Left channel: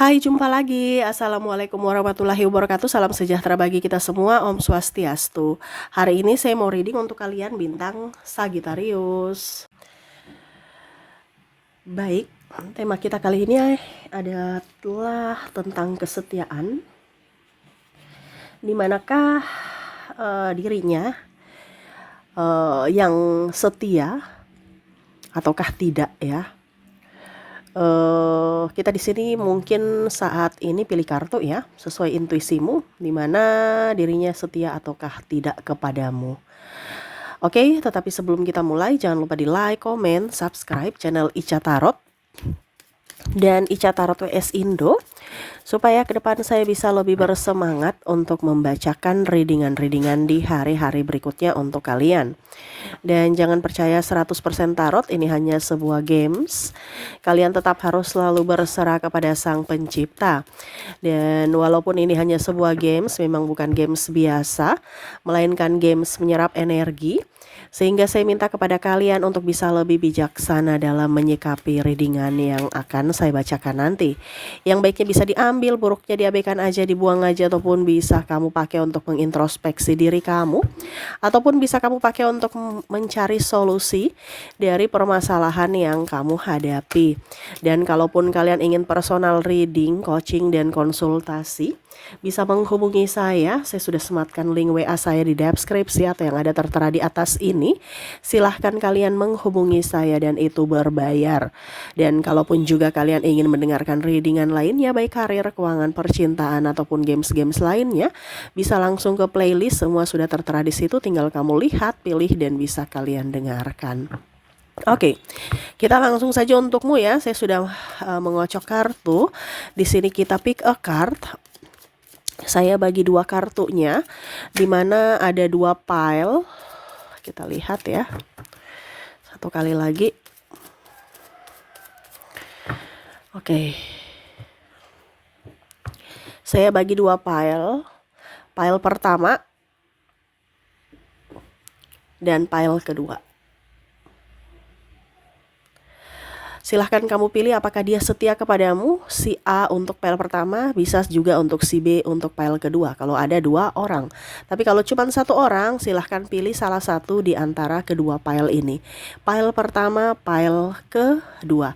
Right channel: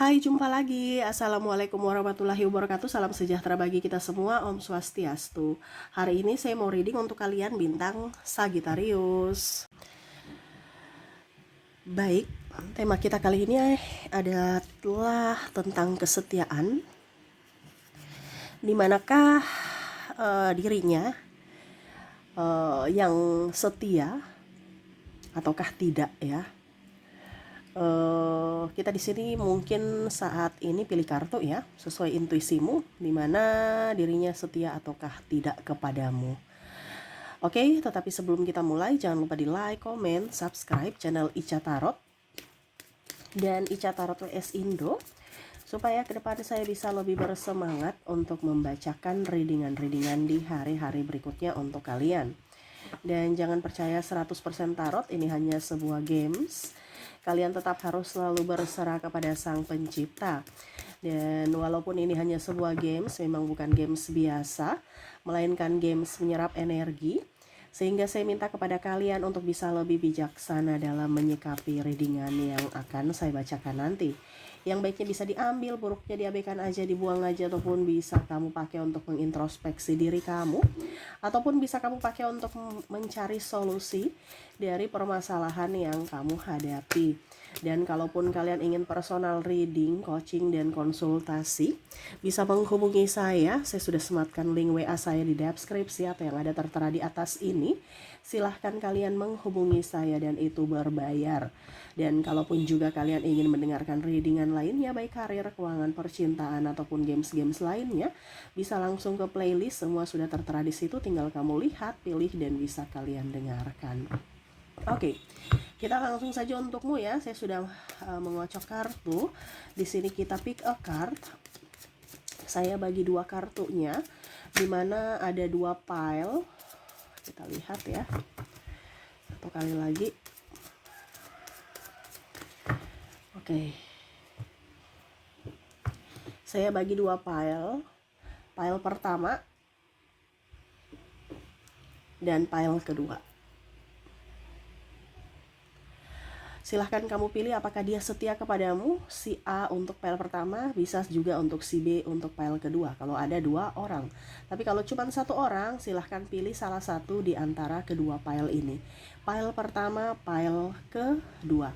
Hai, jumpa lagi. Assalamualaikum warahmatullahi wabarakatuh. Salam sejahtera bagi kita semua. Om Swastiastu. Hari ini saya mau reading untuk kalian bintang Sagittarius. Baik, tema kita kali ini adalah tentang kesetiaan. Dimanakah dirinya yang setia ataukah tidak ya? Kita di sini mungkin saat ini pilih kartu ya, sesuai intuisimu, di mana dirinya setia ataukah tidak kepadamu. Oke, tetapi sebelum kita mulai, jangan lupa di like, komen, subscribe channel Ica Tarot dan Ica Tarot WS Indo, supaya ke depan saya bisa lebih bersemangat untuk membacakan readingan-readingan di hari-hari berikutnya untuk kalian. Dan jangan percaya 100% tarot, ini hanya sebuah games. Kalian tetap harus selalu berserah kepada Sang Pencipta. Dan walaupun ini hanya sebuah games, memang bukan games biasa, melainkan games menyerap energi. Sehingga saya minta kepada kalian untuk bisa lebih bijaksana dalam menyikapi readingan yang akan saya bacakan nanti. Yang baiknya bisa diambil, buruknya diabaikan aja, dibuang aja, ataupun bisa kamu pakai untuk mengintrospeksi diri kamu, ataupun bisa kamu pakai untuk mencari solusi dari permasalahan yang kamu hadapi. Dan kalaupun kalian ingin personal reading, coaching, dan konsultasi, bisa menghubungi saya sudah sematkan link WA saya di deskripsi atau yang ada tertera di atas ini. Silahkan kalian menghubungi saya dan itu berbayar. Dan kalaupun juga kalian ingin mendengarkan readingan lainnya, baik karir, keuangan, percintaan, ataupun games-games lainnya, bisa langsung ke playlist, semua sudah tertera di situ, tinggal kamu lihat, pilih, dan bisa kalian dengarkan. Oke, kita langsung saja untukmu ya. Saya sudah mengocok kartu. Di sini kita pick a card. Saya bagi dua kartunya, dimana ada dua pile. Kita lihat ya, satu kali lagi. Oke, saya bagi dua pile. Pile pertama dan pile kedua. Silahkan kamu pilih apakah dia setia kepadamu. Si A untuk pile pertama, bisa juga untuk si B untuk pile kedua kalau ada dua orang. Tapi kalau cuma satu orang, silahkan pilih salah satu di antara kedua pile ini. Pile pertama, pile kedua.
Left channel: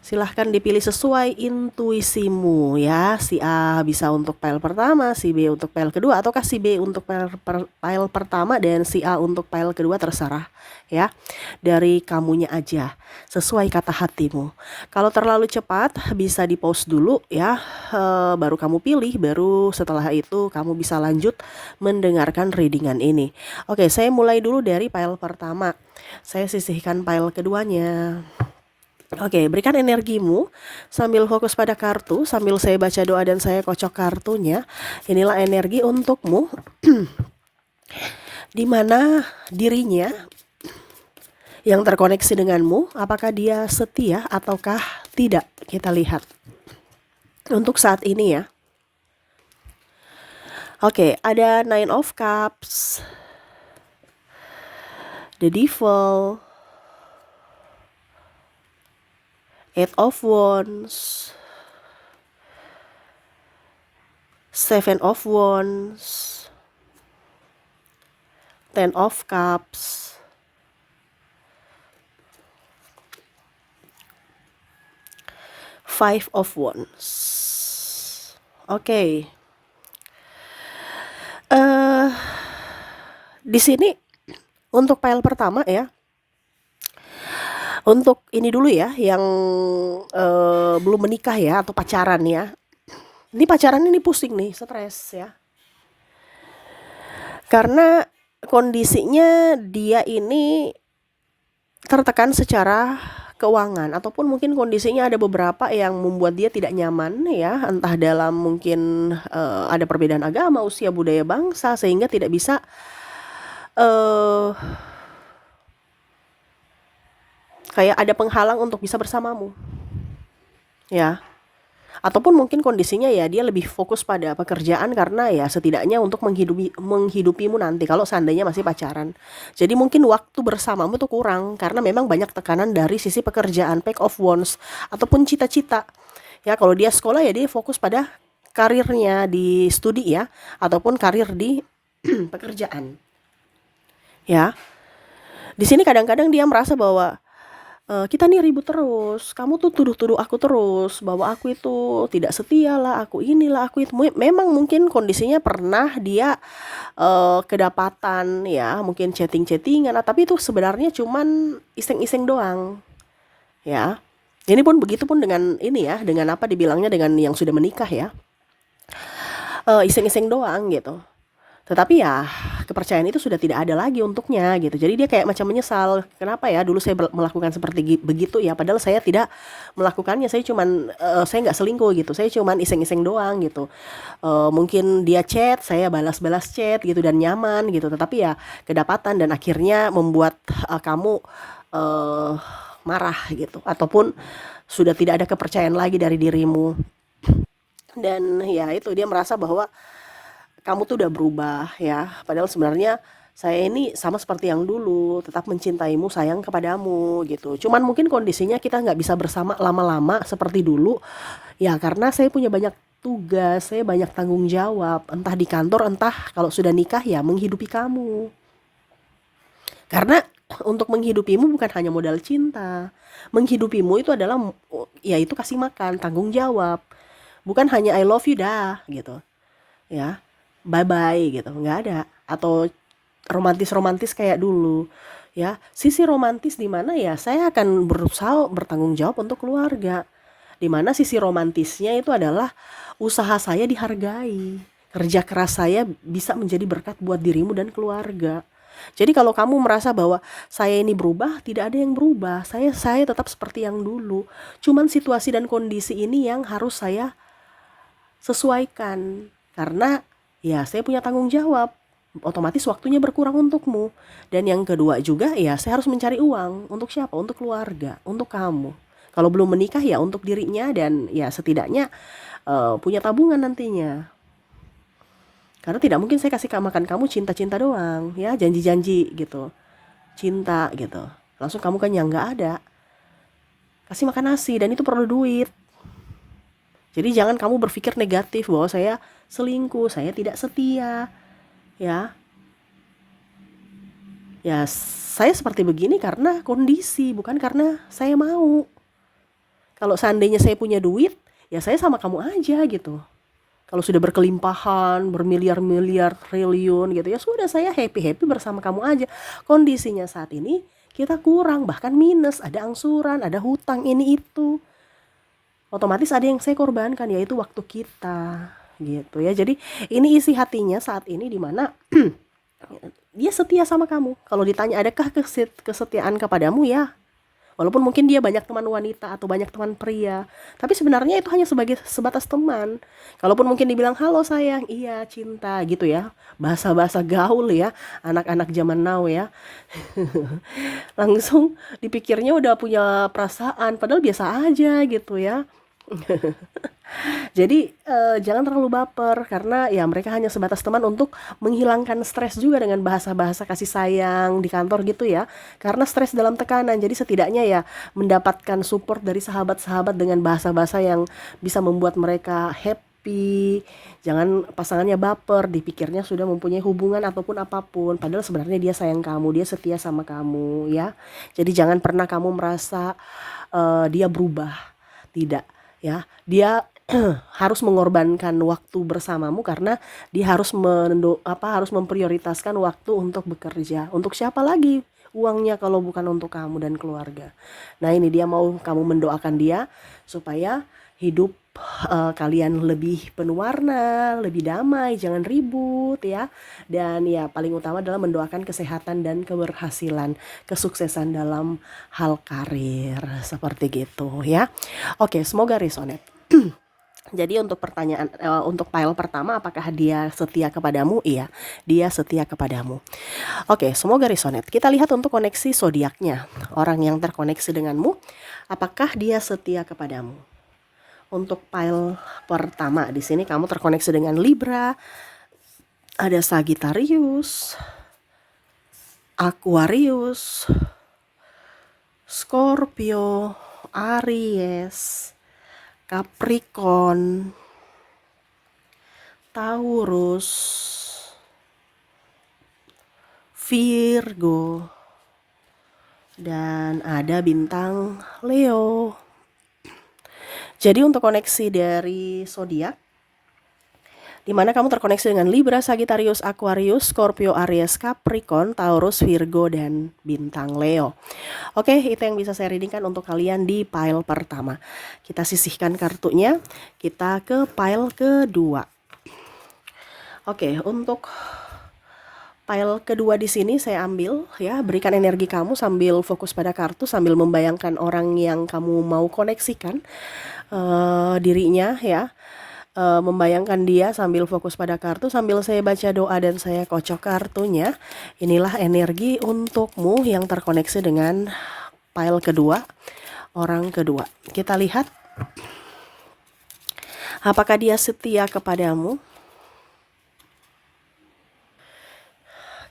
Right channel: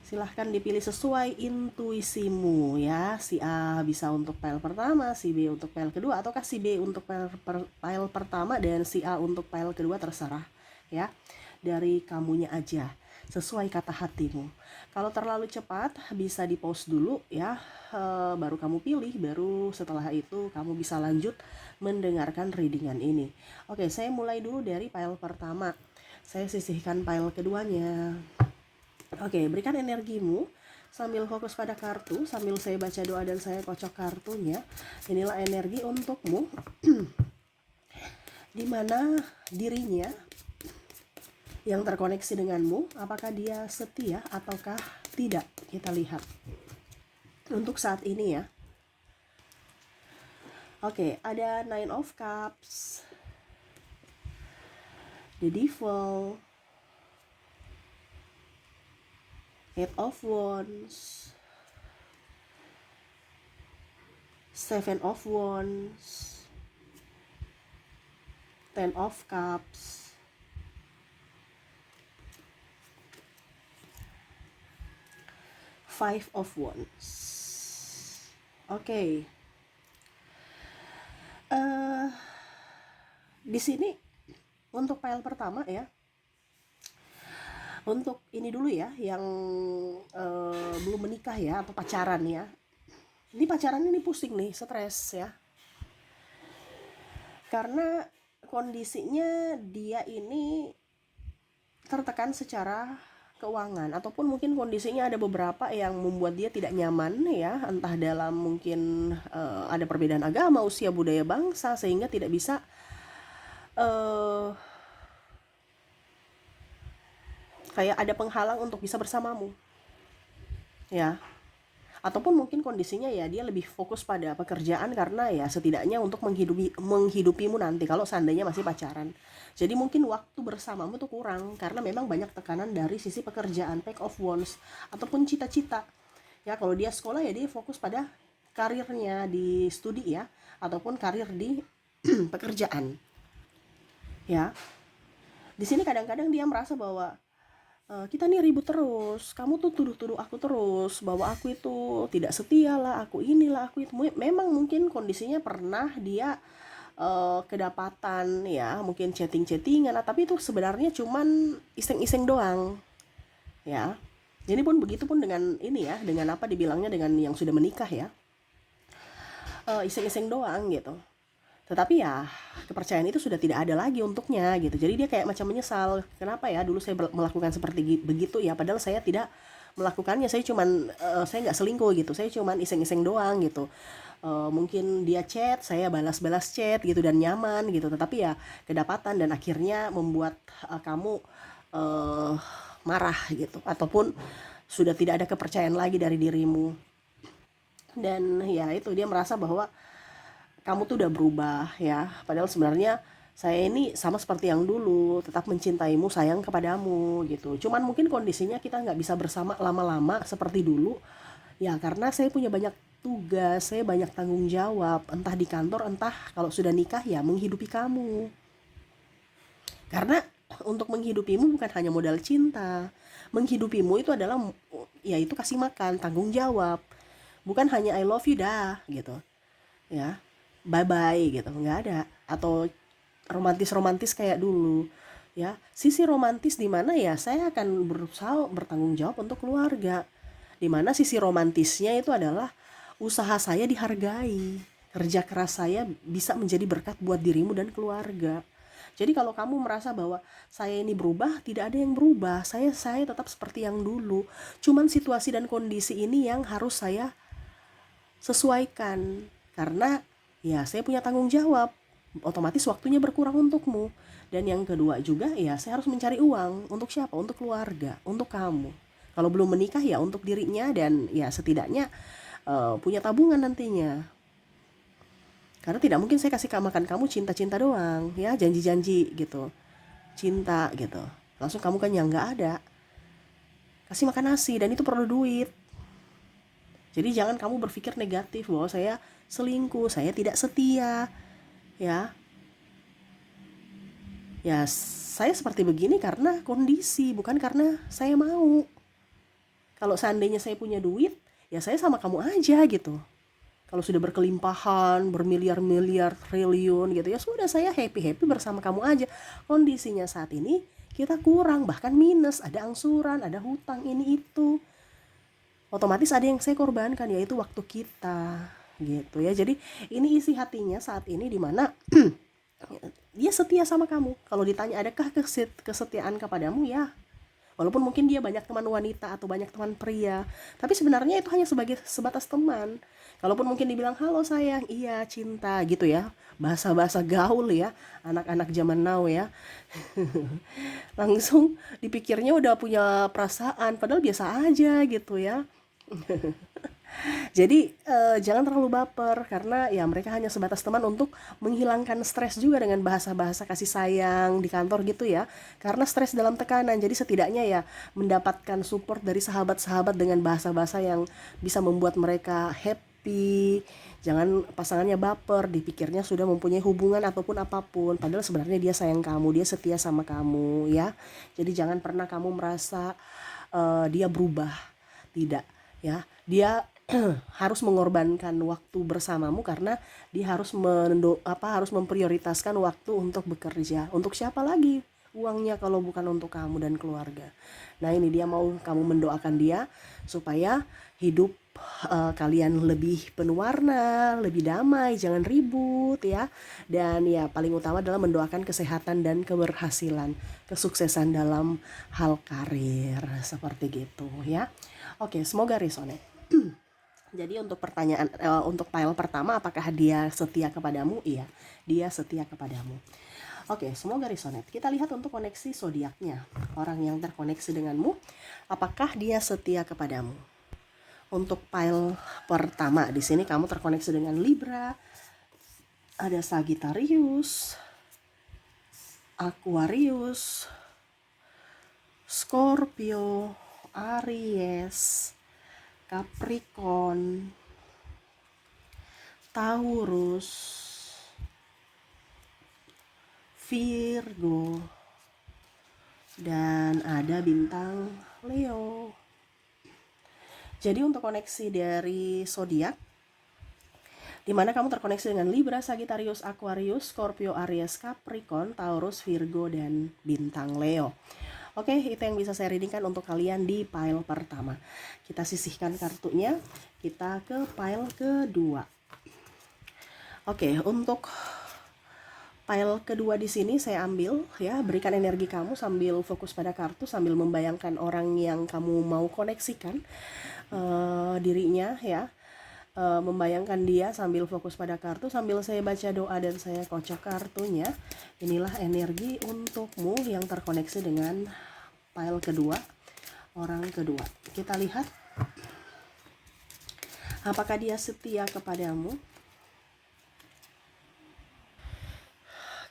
Silahkan dipilih sesuai intuisimu ya. Si A bisa untuk pile pertama, si B untuk pile kedua, ataukah si B untuk pile pertama dan si A untuk pile kedua, terserah ya. Dari kamunya aja, sesuai kata hatimu. Kalau terlalu cepat bisa di pause dulu ya, baru kamu pilih, baru setelah itu kamu bisa lanjut mendengarkan readingan ini. Oke, saya mulai dulu dari pile pertama. Saya sisihkan pile keduanya. Oke, berikan energimu sambil fokus pada kartu, sambil saya baca doa dan saya kocok kartunya. Inilah energi untukmu, di mana dirinya yang terkoneksi denganmu, apakah dia setia ataukah tidak? Kita lihat untuk saat ini ya. Oke, ada Nine of Cups, the Devil, Eight of Wands, Seven of Wands, Ten of Cups, Five of Wands. Oke. Di sini untuk pile pertama ya. Untuk ini dulu ya, yang belum menikah ya atau pacaran ya. Ini pacaran ini pusing nih, stres ya. Karena kondisinya dia ini tertekan secara keuangan, ataupun mungkin kondisinya ada beberapa yang membuat dia tidak nyaman ya, entah dalam mungkin ada perbedaan agama, usia, budaya, bangsa, sehingga tidak bisa kayak ada penghalang untuk bisa bersamamu ya. Ataupun mungkin kondisinya ya dia lebih fokus pada pekerjaan, karena ya setidaknya untuk menghidupimu nanti kalau seandainya masih pacaran. Jadi mungkin waktu bersamamu tuh kurang karena memang banyak tekanan dari sisi pekerjaan, Pack of Wands, ataupun cita-cita Ya, kalau dia sekolah ya dia fokus pada karirnya di studi ya, ataupun karir di pekerjaan. Ya, di sini kadang-kadang dia merasa bahwa kita nih ribut terus, kamu tuh tuduh-tuduh aku terus bahwa aku itu tidak setia lah, aku inilah, aku itu. Memang mungkin kondisinya pernah dia kedapatan ya, mungkin chatting-chattingan, tapi itu sebenarnya cuman iseng-iseng doang, ya. Ini pun begitu pun dengan ini ya, dengan apa dibilangnya, dengan yang sudah menikah ya, iseng-iseng doang gitu. Tetapi ya kepercayaan itu sudah tidak ada lagi untuknya gitu. Jadi dia kayak macam menyesal, kenapa ya dulu saya melakukan seperti begitu ya, padahal saya tidak melakukannya, saya cuman saya nggak selingkuh gitu, saya cuman iseng-iseng doang gitu. Mungkin dia chat, saya balas-balas chat gitu dan nyaman gitu, tetapi ya kedapatan dan akhirnya membuat kamu eh, marah gitu, ataupun sudah tidak ada kepercayaan lagi dari dirimu. Dan ya itu dia merasa bahwa kamu tuh udah berubah ya, padahal sebenarnya saya ini sama seperti yang dulu, tetap mencintaimu, sayang kepadamu gitu. Cuman mungkin kondisinya kita nggak bisa bersama lama-lama seperti dulu ya, karena saya punya banyak tugas, saya banyak tanggung jawab, entah di kantor, entah kalau sudah nikah ya menghidupi kamu. Karena untuk menghidupimu bukan hanya modal cinta, menghidupimu itu adalah ya itu kasih makan, tanggung jawab, bukan hanya I love you dah gitu ya, bye bye gitu, nggak ada. Atau romantis romantis kayak dulu ya, sisi romantis di mana ya saya akan berusaha bertanggung jawab untuk keluarga, di mana sisi romantisnya itu adalah usaha saya dihargai, kerja keras saya bisa menjadi berkat buat dirimu dan keluarga. Jadi kalau kamu merasa bahwa saya ini berubah, tidak ada yang berubah, saya tetap seperti yang dulu, cuman situasi dan kondisi ini yang harus saya sesuaikan, karena ya saya punya tanggung jawab, otomatis waktunya berkurang untukmu. Dan yang kedua juga ya saya harus mencari uang untuk siapa, untuk keluarga, untuk kamu. Kalau belum menikah ya untuk dirinya, dan ya setidaknya punya tabungan nantinya, karena tidak mungkin saya kasih makan kamu cinta-cinta doang ya, janji-janji gitu cinta gitu langsung kamu kenyang, nggak ada. Kasih makan nasi dan itu perlu duit. Jadi jangan kamu berpikir negatif bahwa saya selingkuh, saya tidak setia, ya. Ya, saya seperti begini karena kondisi, bukan karena saya mau. Kalau seandainya saya punya duit, ya saya sama kamu aja gitu. Kalau sudah berkelimpahan, bermiliar-miliar, triliun gitu ya, sudah saya happy-happy bersama kamu aja. Kondisinya saat ini kita kurang, bahkan minus, ada angsuran, ada hutang ini itu. Otomatis ada yang saya korbankan, yaitu waktu kita gitu ya. Jadi ini isi hatinya saat ini, di mana dia setia sama kamu. Kalau ditanya adakah kesetiaan kepadamu, ya walaupun mungkin dia banyak teman wanita atau banyak teman pria, tapi sebenarnya itu hanya sebagai sebatas teman. Kalaupun mungkin dibilang halo sayang, iya cinta gitu ya, bahasa-bahasa gaul ya, anak-anak zaman now ya, langsung dipikirnya udah punya perasaan, padahal biasa aja gitu ya. Jadi jangan terlalu baper, karena ya mereka hanya sebatas teman untuk menghilangkan stres juga dengan bahasa-bahasa kasih sayang di kantor gitu ya. Karena stres dalam tekanan, jadi setidaknya ya mendapatkan support dari sahabat-sahabat dengan bahasa-bahasa yang bisa membuat mereka happy. Jangan pasangannya baper, dipikirnya sudah mempunyai hubungan ataupun apapun, padahal sebenarnya dia sayang kamu, dia setia sama kamu ya. Jadi jangan pernah kamu merasa dia berubah, tidak ya. Dia harus mengorbankan waktu bersamamu, karena dia harus memprioritaskan waktu untuk bekerja. Untuk siapa lagi uangnya kalau bukan untuk kamu dan keluarga. Nah, ini dia mau kamu mendoakan dia supaya hidup kalian lebih penuh warna, lebih damai, jangan ribut ya. Dan ya paling utama adalah mendoakan kesehatan dan keberhasilan, kesuksesan dalam hal karir seperti gitu ya. Oke, semoga resonate. Jadi untuk pertanyaan untuk file pertama, apakah dia setia kepadamu? Iya, dia setia kepadamu. Oke, semoga resonate. Kita lihat untuk koneksi zodiaknya. Orang yang terkoneksi denganmu, apakah dia setia kepadamu? Untuk file pertama di sini kamu terkoneksi dengan Libra, ada Sagittarius, Aquarius, Scorpio, Aries, Capricorn, Taurus, Virgo, dan ada bintang Leo. Jadi untuk koneksi dari zodiak, di mana kamu terkoneksi dengan Libra, Sagittarius, Aquarius, Scorpio, Aries, Capricorn, Taurus, Virgo, dan bintang Leo. Oke, itu yang bisa saya readingkan untuk kalian di pile pertama. Kita sisihkan kartunya, kita ke pile kedua. Oke, untuk pile kedua di sini saya ambil ya, berikan energi kamu sambil fokus pada kartu, sambil membayangkan orang yang kamu mau koneksikan dirinya ya. Membayangkan dia sambil fokus pada kartu, sambil saya baca doa dan saya kocok kartunya. Inilah energi untukmu yang terkoneksi dengan pile kedua, orang kedua. Kita lihat apakah dia setia kepadamu.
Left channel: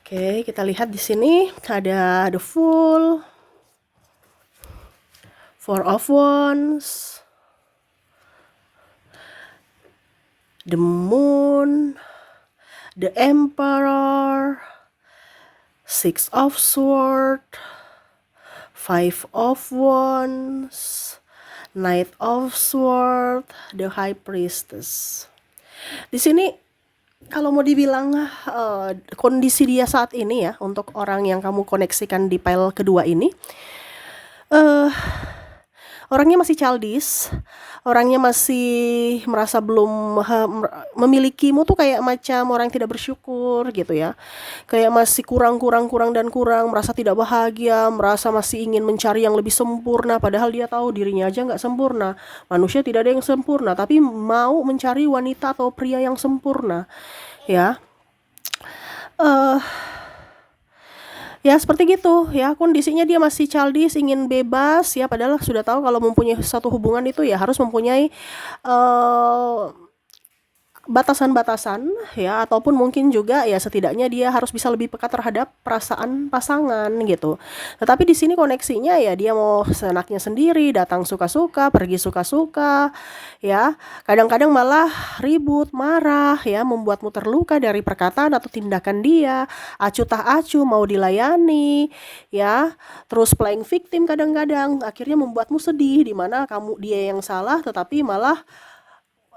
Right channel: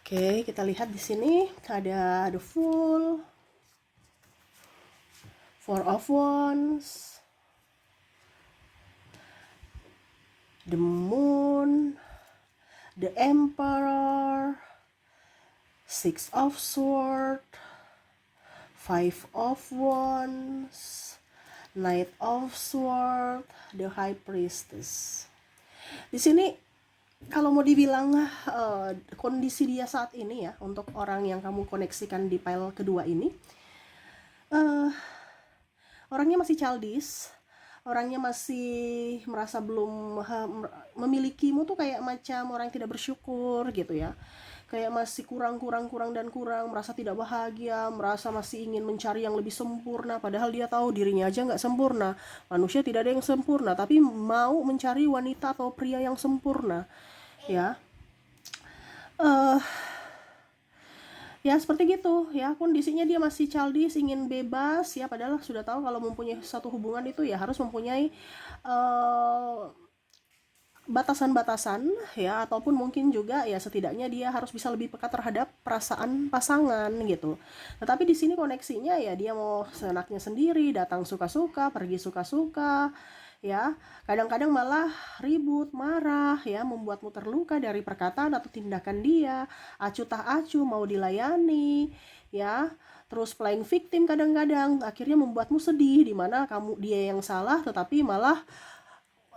Oke, kita lihat di sini ada the Fool, Four of Wands, the Moon, the Emperor, Six of Swords, Five of Wands, Knight of Swords, the High Priestess. Di sini kalau mau dibilang kondisi dia saat ini ya, untuk orang yang kamu koneksikan di pile kedua ini, orangnya masih childish, orangnya masih merasa belum memilikimu tuh kayak macam orang yang tidak bersyukur gitu ya, kayak masih kurang, merasa tidak bahagia, merasa masih ingin mencari yang lebih sempurna, padahal dia tahu dirinya aja nggak sempurna. Manusia tidak ada yang sempurna, tapi mau mencari wanita atau pria yang sempurna ya. Ya seperti gitu ya, kondisinya dia masih childish, ingin bebas ya, padahal sudah tahu kalau mempunyai satu hubungan itu ya harus mempunyai batasan-batasan ya, ataupun mungkin juga ya setidaknya dia harus bisa lebih peka terhadap perasaan pasangan gitu. Tetapi di sini koneksinya ya dia mau seenaknya sendiri, datang suka-suka, pergi suka-suka ya. Kadang-kadang malah ribut, marah ya, membuatmu terluka dari perkataan atau tindakan dia, acuh tak acuh, mau dilayani ya. Terus playing victim kadang-kadang akhirnya membuatmu sedih, di mana dia yang salah tetapi malah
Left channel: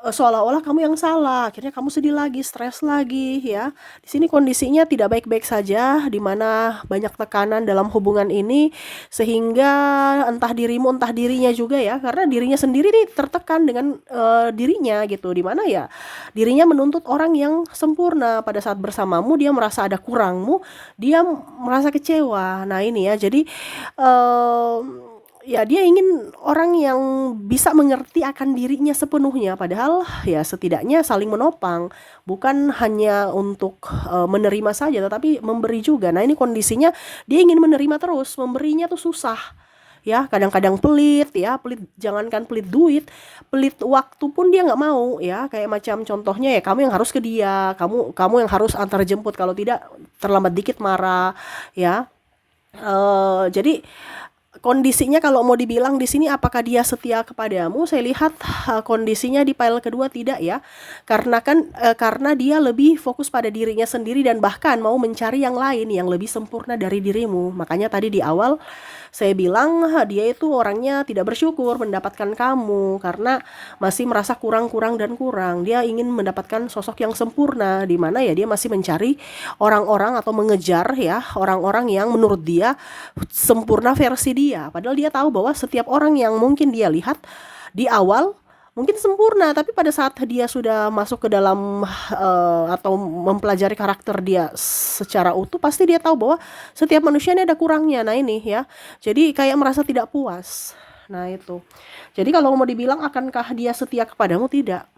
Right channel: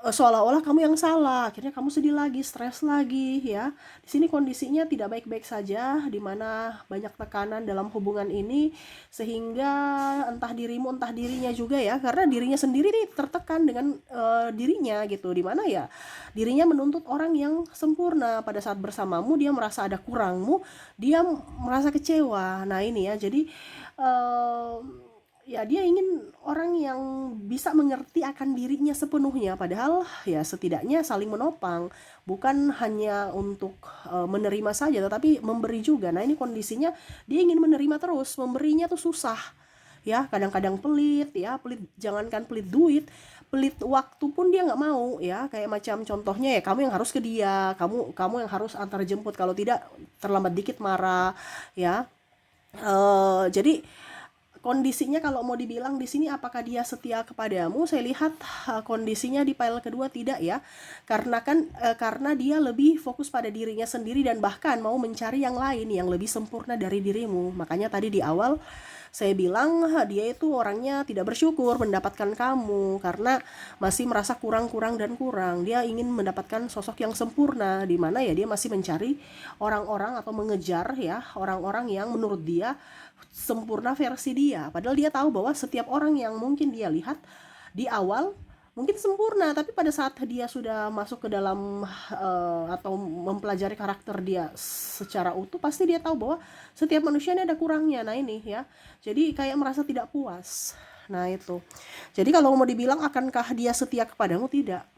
seolah-olah kamu yang salah, akhirnya kamu sedih lagi, stres lagi ya. Di sini kondisinya tidak baik-baik saja, di mana banyak tekanan dalam hubungan ini, sehingga entah dirimu entah dirinya juga ya, karena dirinya sendiri nih tertekan dengan dirinya gitu, di mana ya dirinya menuntut orang yang sempurna, pada saat bersamamu dia merasa ada kurangmu, dia merasa kecewa. Nah ini ya, jadi ya dia ingin orang yang bisa mengerti akan dirinya sepenuhnya, padahal ya setidaknya saling menopang, bukan hanya untuk menerima saja tetapi memberi juga. Nah ini kondisinya dia ingin menerima terus, memberinya tuh susah ya, kadang-kadang pelit ya, jangankan pelit duit, pelit waktu pun dia nggak mau ya. Kayak macam contohnya ya, kamu yang harus ke dia, kamu yang harus antar jemput, kalau tidak terlambat dikit marah ya. Jadi kondisinya kalau mau dibilang di sini apakah dia setia kepadamu, saya lihat kondisinya di pile kedua tidak ya. Karena dia lebih fokus pada dirinya sendiri dan bahkan mau mencari yang lain yang lebih sempurna dari dirimu. Makanya tadi di awal saya bilang dia itu orangnya tidak bersyukur mendapatkan kamu karena masih merasa kurang. Dia ingin mendapatkan sosok yang sempurna, di mana ya dia masih mencari orang-orang atau mengejar ya orang-orang yang menurut dia sempurna versi dia. Padahal dia tahu bahwa setiap orang yang mungkin dia lihat di awal mungkin sempurna, tapi pada saat dia sudah masuk ke dalam atau mempelajari karakter dia secara utuh, pasti dia tahu bahwa setiap manusia ini ada kurangnya. Nah ini ya, jadi kayak merasa tidak puas. Nah itu, jadi kalau mau dibilang akankah dia setia kepadamu, tidak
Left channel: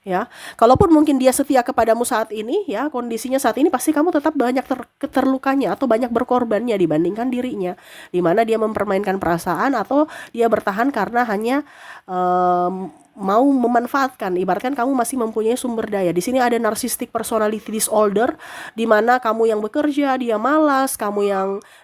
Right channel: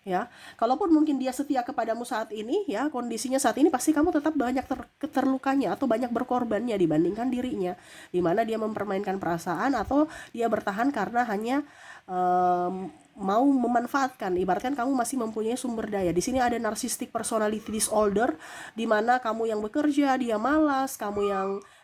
ya. Kalaupun mungkin dia setia kepadamu saat ini ya, kondisinya saat ini pasti kamu tetap banyak terlukanya atau banyak berkorbannya dibandingkan dirinya, dimana dia mempermainkan perasaan atau dia bertahan karena hanya mau memanfaatkan. Ibaratkan kamu masih mempunyai sumber daya. Di sini ada narcissistic personality disorder, di mana kamu yang bekerja, dia malas,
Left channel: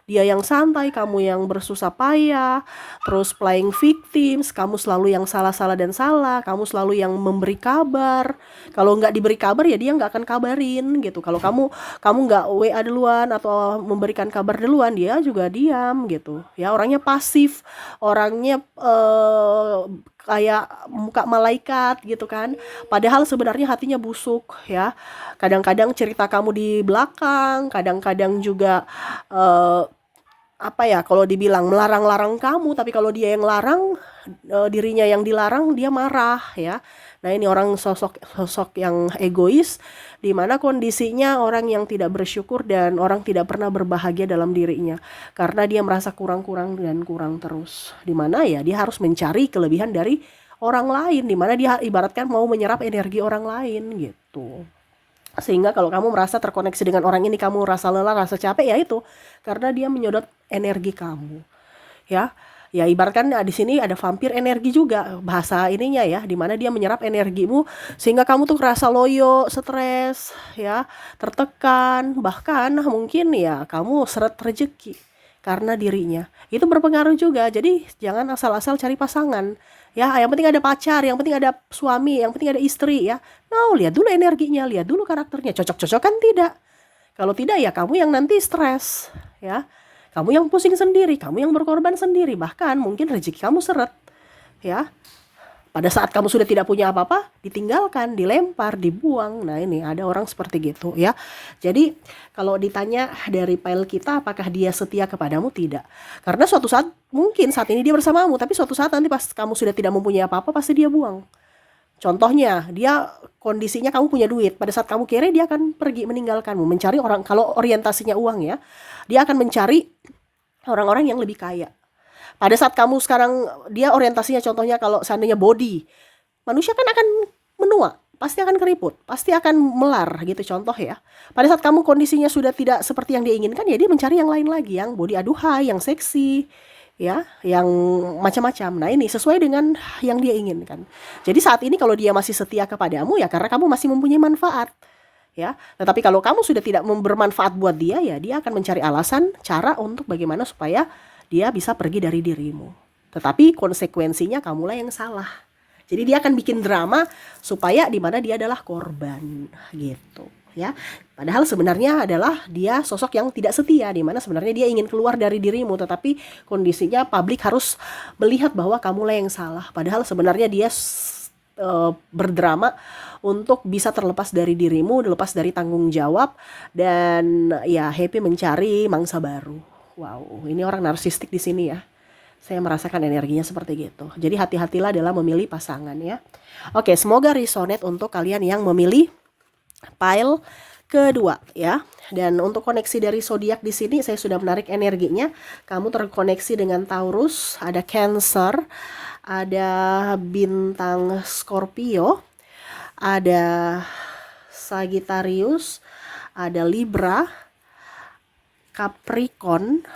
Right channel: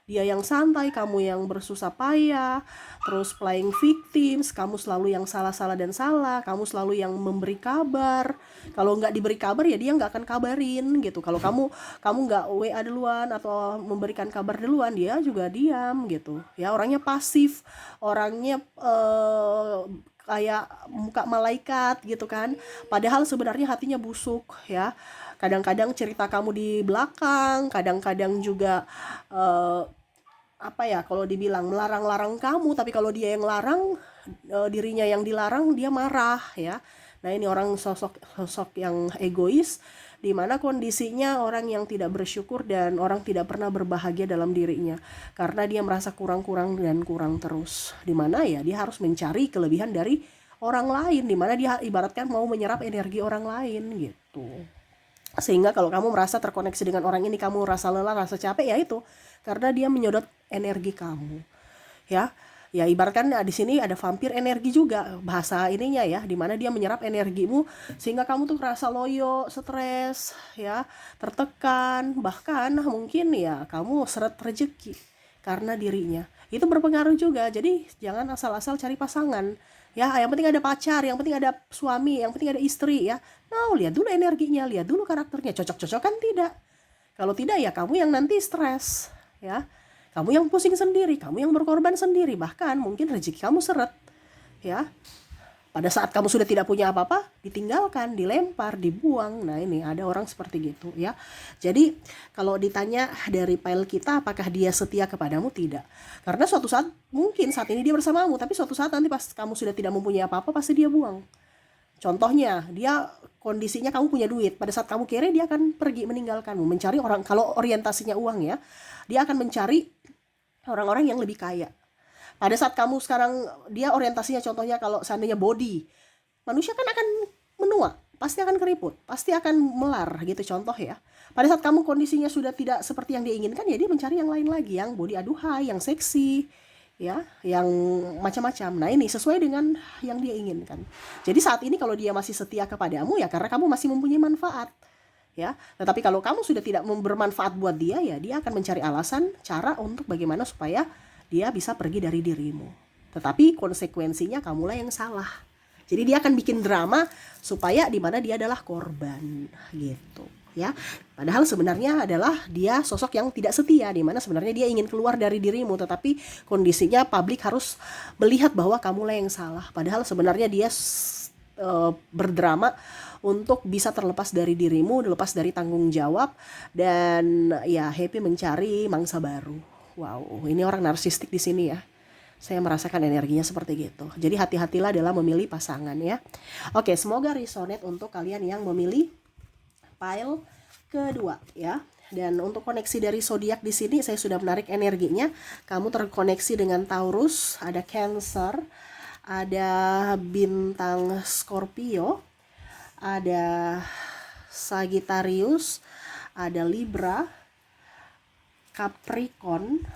dia yang santai, kamu yang bersusah payah, terus playing victims, kamu selalu yang salah-salah dan salah, kamu selalu yang memberi kabar. Kalau nggak diberi kabar ya dia nggak akan kabarin gitu. Kalau kamu nggak WA duluan atau memberikan kabar duluan, dia juga diam gitu. Ya orangnya pasif, orangnya kayak muka malaikat gitu kan, padahal sebenarnya hatinya busuk ya. Kadang-kadang cerita kamu di belakang, kadang-kadang juga apa ya, kalau dibilang melarang-larang kamu, tapi kalau dia yang larang, dirinya yang dilarang, dia marah ya. Nah ini orang sosok yang egois, di mana kondisinya orang yang tidak bersyukur dan orang tidak pernah berbahagia dalam dirinya, karena dia merasa kurang-kurang dan kurang terus, di mana ya dia harus mencari kelebihan dari orang lain, di mana dia ibaratkan mau menyerap energi orang lain gitu. Sehingga kalau kamu merasa terkoneksi dengan orang ini, kamu rasa lelah, rasa capek, ya itu karena dia menyedot energi kamu ya. Ya ibaratkan di sini ada vampir energi juga bahasa ininya ya, dimana dia menyerap energimu sehingga kamu tuh kerasa loyo, stres ya, tertekan, bahkan mungkin ya kamu seret rezeki karena dirinya. Itu berpengaruh juga. Jadi jangan asal-asal cari pasangan ya, yang penting ada pacar, yang penting ada suami, yang penting ada istri ya. Nah, lihat dulu energinya, lihat dulu karakternya, cocok-cocok kan tidak. Kalau tidak ya kamu yang nanti stres ya. Kamu yang pusing sendiri, kamu yang berkorban sendiri, bahkan mungkin rezeki kamu seret ya. Pada saat kamu sudah tidak punya apa-apa, ditinggalkan, dilempar, dibuang. Nah ini ada orang seperti gitu ya. Jadi kalau ditanya dari file kita apakah dia setia kepadamu, tidak. Karena suatu saat, mungkin saat ini dia bersamamu, tapi suatu saat nanti pas kamu sudah tidak mempunyai apa-apa, pasti dia buang. Contohnya, dia kondisinya kamu punya duit, pada saat kamu kere dia akan pergi meninggalkanmu, mencari orang, kalau orientasinya uang ya, dia akan mencari orang-orang yang lebih kaya. Pada saat kamu sekarang, dia orientasinya contohnya kalau seandainya body, manusia kan akan menua, pasti akan keriput, pasti akan melar gitu contoh ya. Pada saat kamu kondisinya sudah tidak seperti yang dia inginkan, ya dia mencari yang lain lagi, yang body aduhai, yang seksi ya, yang macam-macam. Nah ini sesuai dengan yang dia inginkan. Jadi saat ini kalau dia masih setia kepadamu ya karena kamu masih mempunyai manfaat ya. Tetapi kalau kamu sudah tidak bermanfaat buat dia, ya dia akan mencari alasan, cara untuk bagaimana supaya dia bisa pergi dari dirimu. Tetapi konsekuensinya kamulah yang salah. Jadi dia akan bikin drama supaya di mana dia adalah korban gitu ya. Padahal sebenarnya adalah dia sosok yang tidak setia, di mana sebenarnya dia ingin keluar dari dirimu, tetapi kondisinya publik harus melihat bahwa kamulah yang salah. Padahal sebenarnya dia berdrama untuk bisa terlepas dari dirimu, lepas dari tanggung jawab, dan ya happy mencari mangsa baru. Wow, ini orang narsistik di sini ya. Saya merasakan energinya seperti gitu. Jadi hati-hatilah dalam memilih pasangan ya. Oke, semoga resonate untuk kalian yang memilih pile kedua ya. Dan untuk koneksi dari zodiak di sini saya sudah menarik energinya. Kamu terkoneksi dengan Taurus, ada Cancer, ada bintang Scorpio, ada Sagittarius, ada Libra, Capricorn,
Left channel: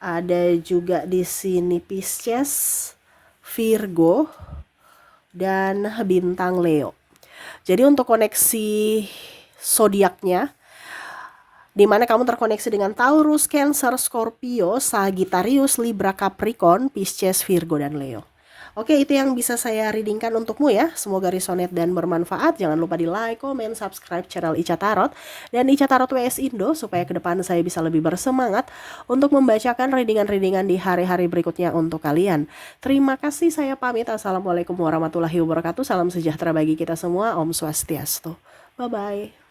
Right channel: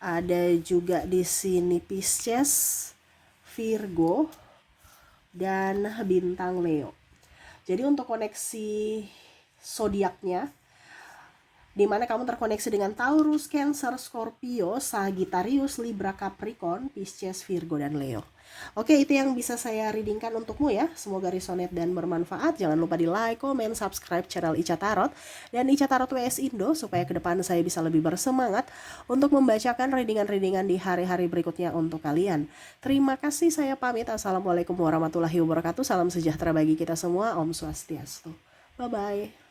ada juga di sini Pisces, Virgo, dan bintang Leo. Jadi untuk koneksi zodiaknya, di mana kamu terkoneksi dengan Taurus, Cancer, Scorpio, Sagittarius, Libra, Capricorn, Pisces, Virgo, dan Leo. Oke, itu yang bisa saya readingkan untukmu ya. Semoga resonate dan bermanfaat. Jangan lupa di like, comment, subscribe channel Ica Tarot dan Ica Tarot WS Indo supaya ke depan saya bisa lebih bersemangat untuk membacakan readingan-readingan di hari-hari berikutnya untuk kalian. Terima kasih, saya pamit. Assalamualaikum warahmatullahi wabarakatuh. Salam sejahtera bagi kita semua. Om Swastiastu. Bye-bye.